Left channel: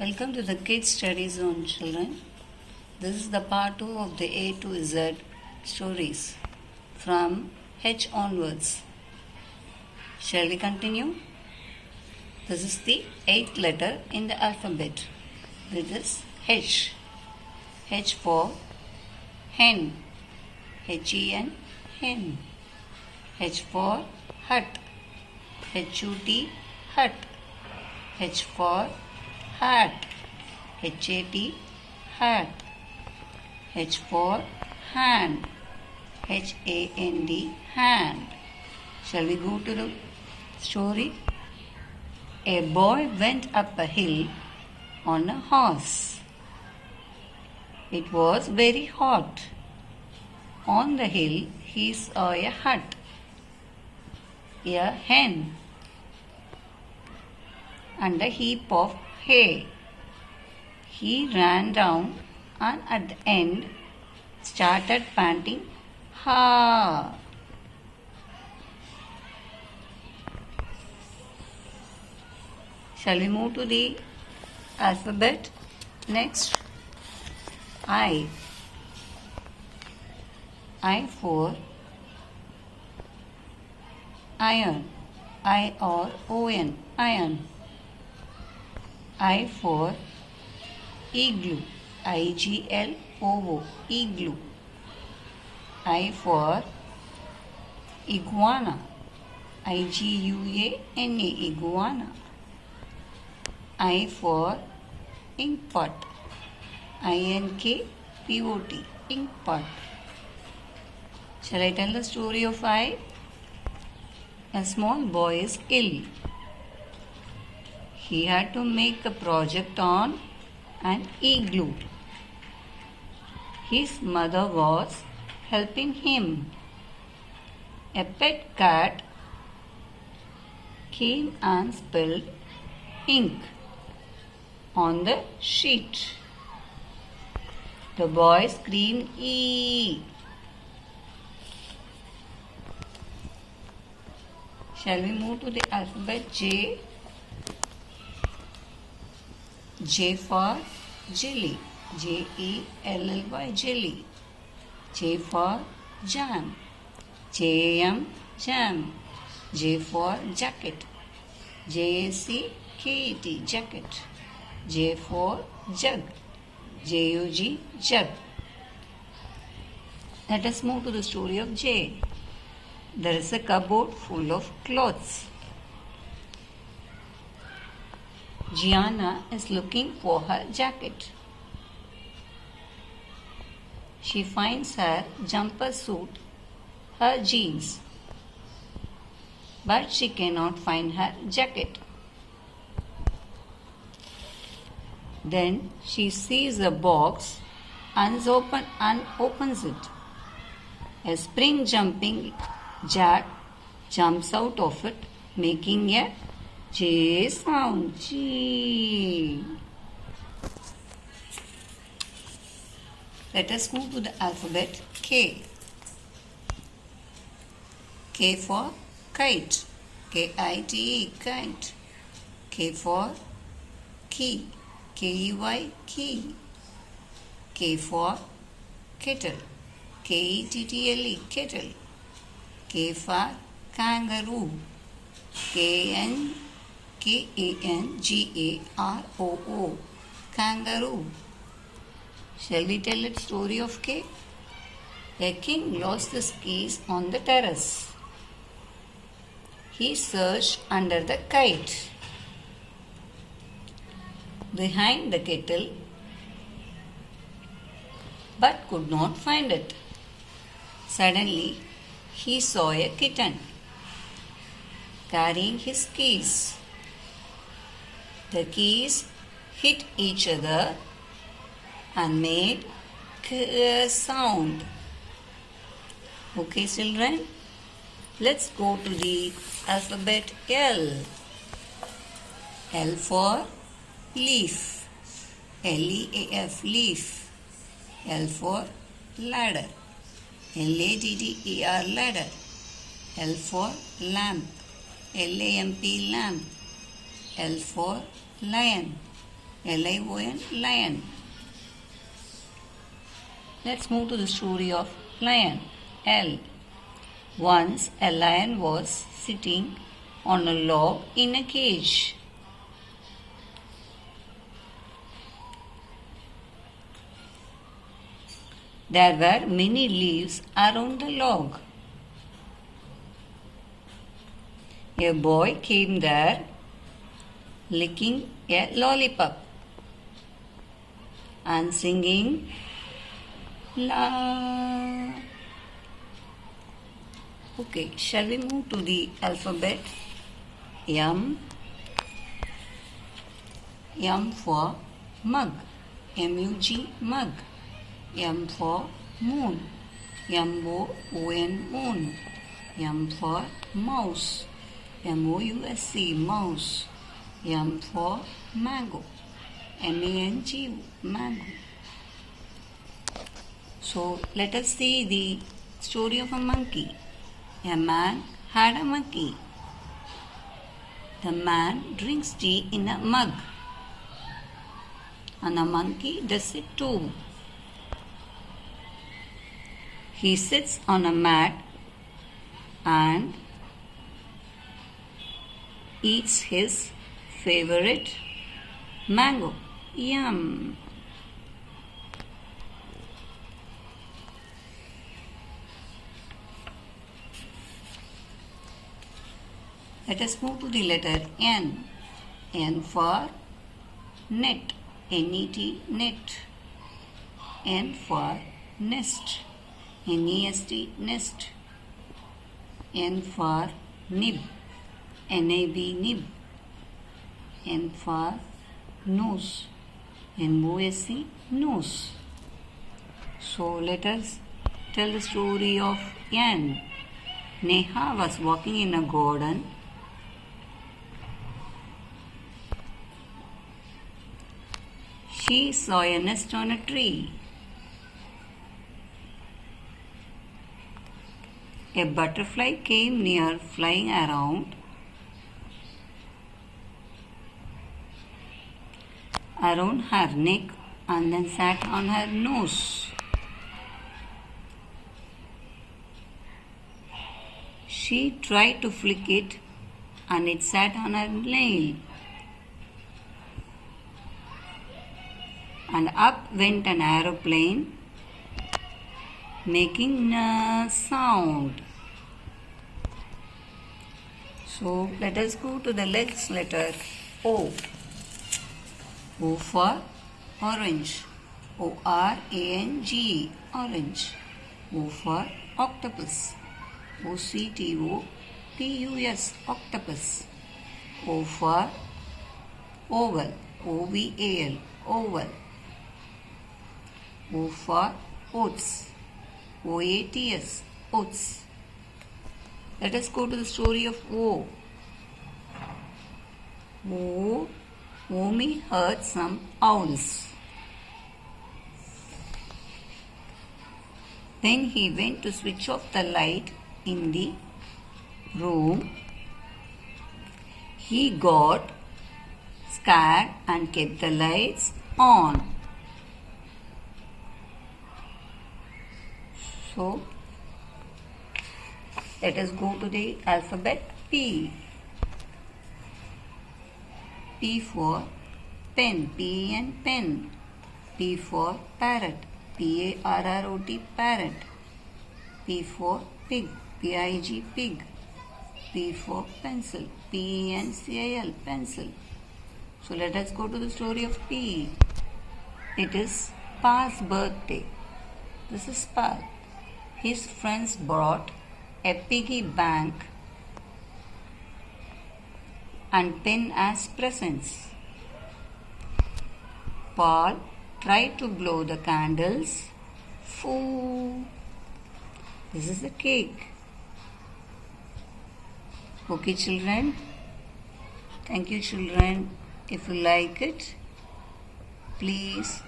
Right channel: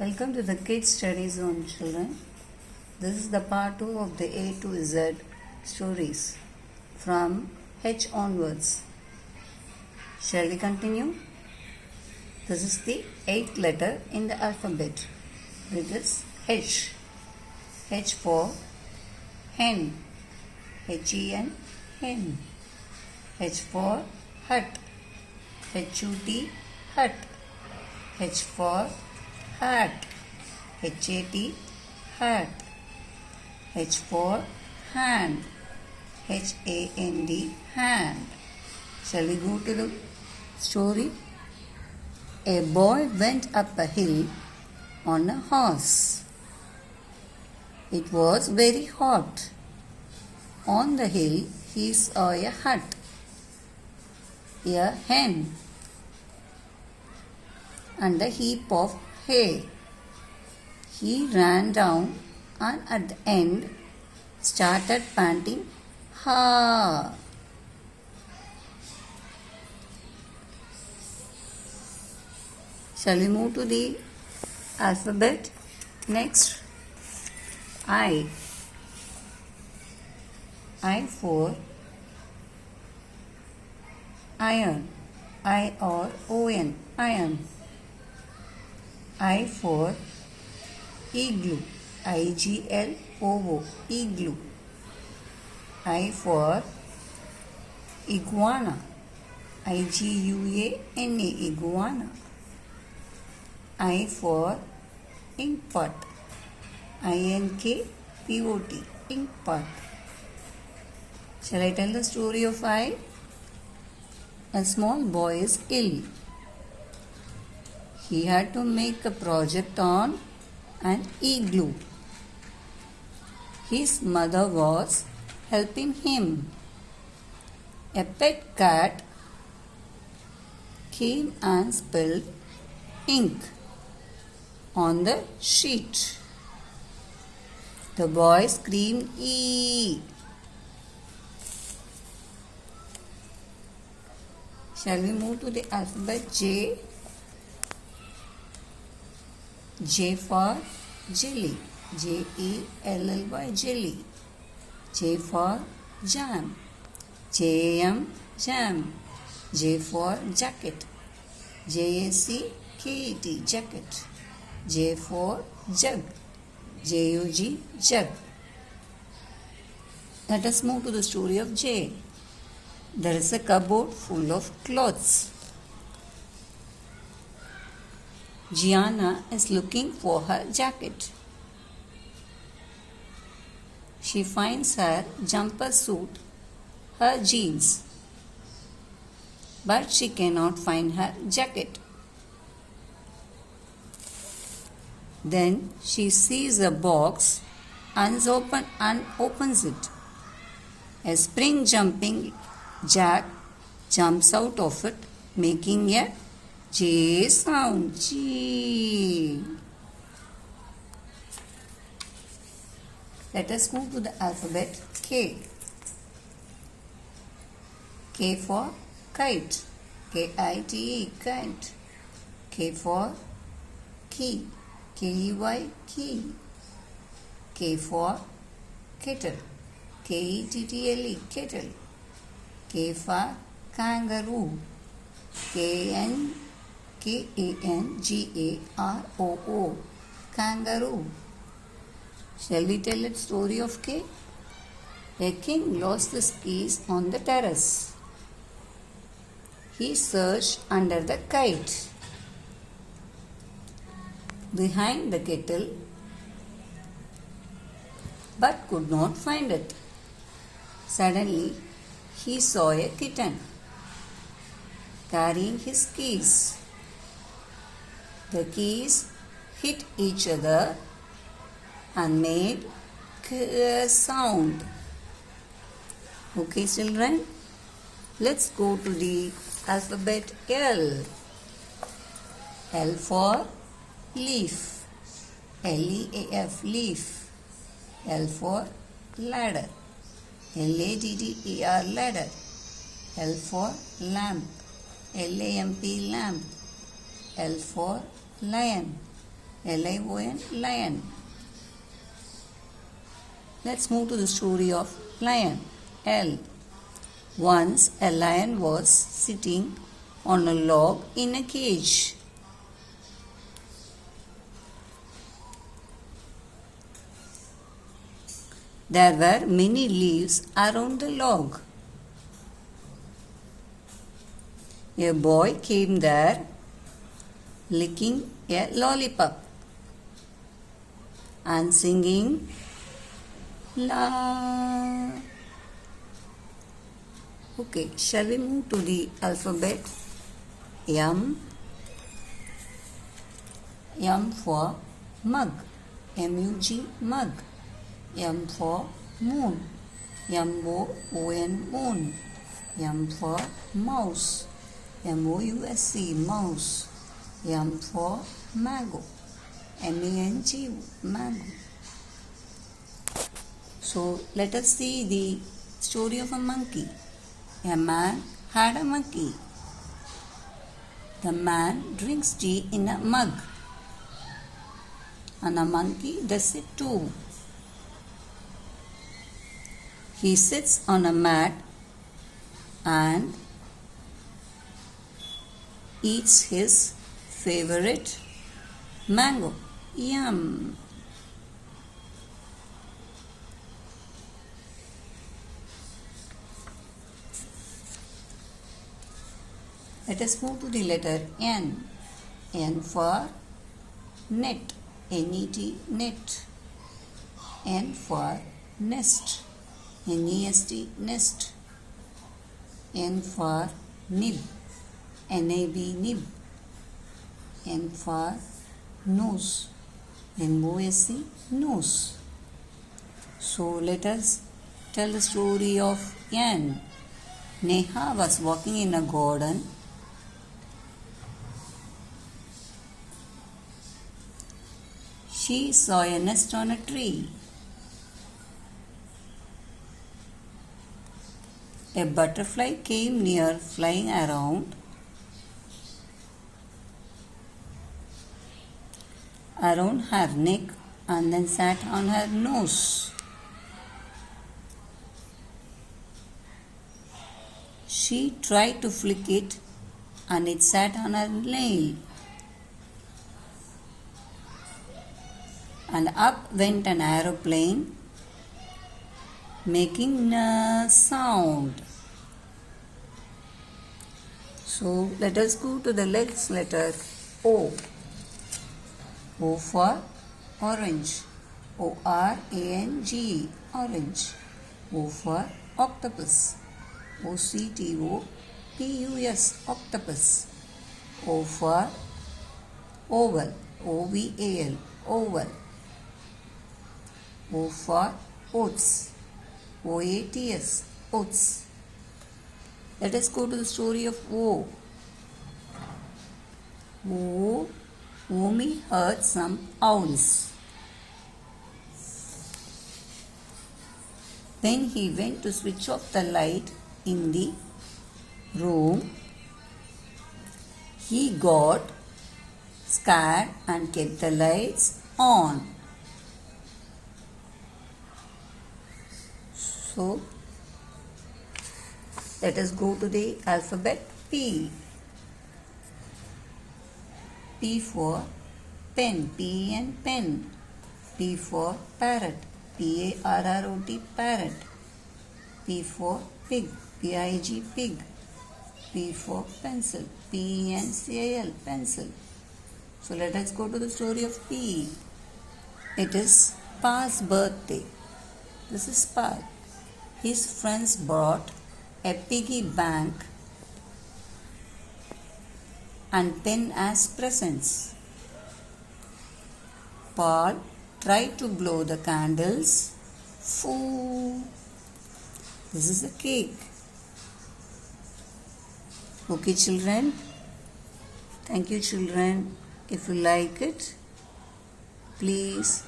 Welcome to the Kids Study Zone, children. This is the part 2 of the A to Z stories from H onwards. Shall we continue? This is the 8th letter in the alphabet. It is H. H for hen. H-E-N, hen. H for hut. H-U-T, hut. H for hat. H-A-T, hat. H for hand. H-A-N-D, hand. Shall we go to the story? A boy went up a hill on a horse. It was very hot. On the hill he saw a hut, a hen, and a heap of hay. He ran down and at the end started panting, "Ha!" Shall we move to the alphabet? Next, I. I for iron. I-R-O-N, iron. I for igloo. I-G-L-O-O, igloo. I for iguana. I-G-U-A-N-A, iguana. I for inkpot. I-N-K-P-O-T, inkpot. Shall I tell the story of I? A small boy is ill. He had to make a project on an igloo. His mother was helping him. A pet cat came and spilled ink on the sheet. The boy screamed, "Ee!" Shall we move to the alphabet J? J for jelly. J-E-L-L-Y, jelly. J for jam. J-A-M, jam. J for jacket. J-A-C-K-E-T, jacket. J for jug. J-U-G, jug. Let us move to the story of J. There is a cupboard full of clothes. Gianna is looking for her jacket. She finds her jumper suit, her jeans, but she cannot find her jacket. Then she sees a box and opens it. A spring jumping jack jumps out of it, making a J sound. G. Let us move to the alphabet K. K for kite. K-I-T-E, kite. K for key. K-E-Y, key. K for kettle. K-E-T-T-L-E, kettle. K for kangaroo. K-N-K-A-N-G-A-R-O-O, kangaroo. Shall we tell the story of K? A king lost his keys on the terrace. He searched under the kite, behind the kettle, but could not find it. Suddenly, he saw a kitten carrying his keys. The keys hit each other and made a sound. Okay, children, let's go to the alphabet L. L for leaf. L-E-A-F, leaf. L for ladder. L-A-D-D-E-R, ladder. L for lamp. L-A-M-P, lamp. L for lion. Lion, lion. Let's move to the story of lion. L. Once a lion was sitting on a log in a cage. There were many leaves around the log. A boy came there licking a lollipop and singing la. Okay, shall we move to the alphabet? M. M for mug. M-U-G, mug. M for moon. M-O-O-N, moon. M for mouse. M-O-U-S-E, mouse. M for mango. M-A-N-G, mango. So let us see the story of a monkey. A man had a monkey. The man drinks tea in a mug, and a monkey does it too. He sits on a mat and eats his favorite mango. Yum! Let us move to the letter N. N for net. N-E-T, net. N for nest. N-E-S-T, nest. N for nib. N-A-B, nib. N for nose. N-O-S-E, nose. So let us tell the story of N. Neha was walking in a garden. She saw a nest on a tree. A butterfly came near, flying around her neck and then sat on her nose. She tried to flick it and it sat on her nail. And up went an aeroplane making a sound. So let us go to the next letter O. O for orange. O-R-A-N-G, orange. O for octopus. O-C-T-O-P-U-S, octopus. O for oval. O-V-A-L, oval. O for oats. O-A-T-S, oats. Let us go to the story of O. Omi heard some owls. Then he went to switch off the light in the room. He got scared and kept the lights on. So, let us go to the alphabet P. P for pen, P-E-N, pen. P for parrot, P-A-R-R-O-T, parrot. P for pig, P-I-G, pig. P for pencil, P-E-N-C-I-L, pencil. So let us go to the story of P. It is Pa's birthday. This is Pa. His friends brought a piggy bank and pen as presents. Paul tried to blow the candles. Foo! This is a cake. Okay, children. Thank you, children. If you like it, please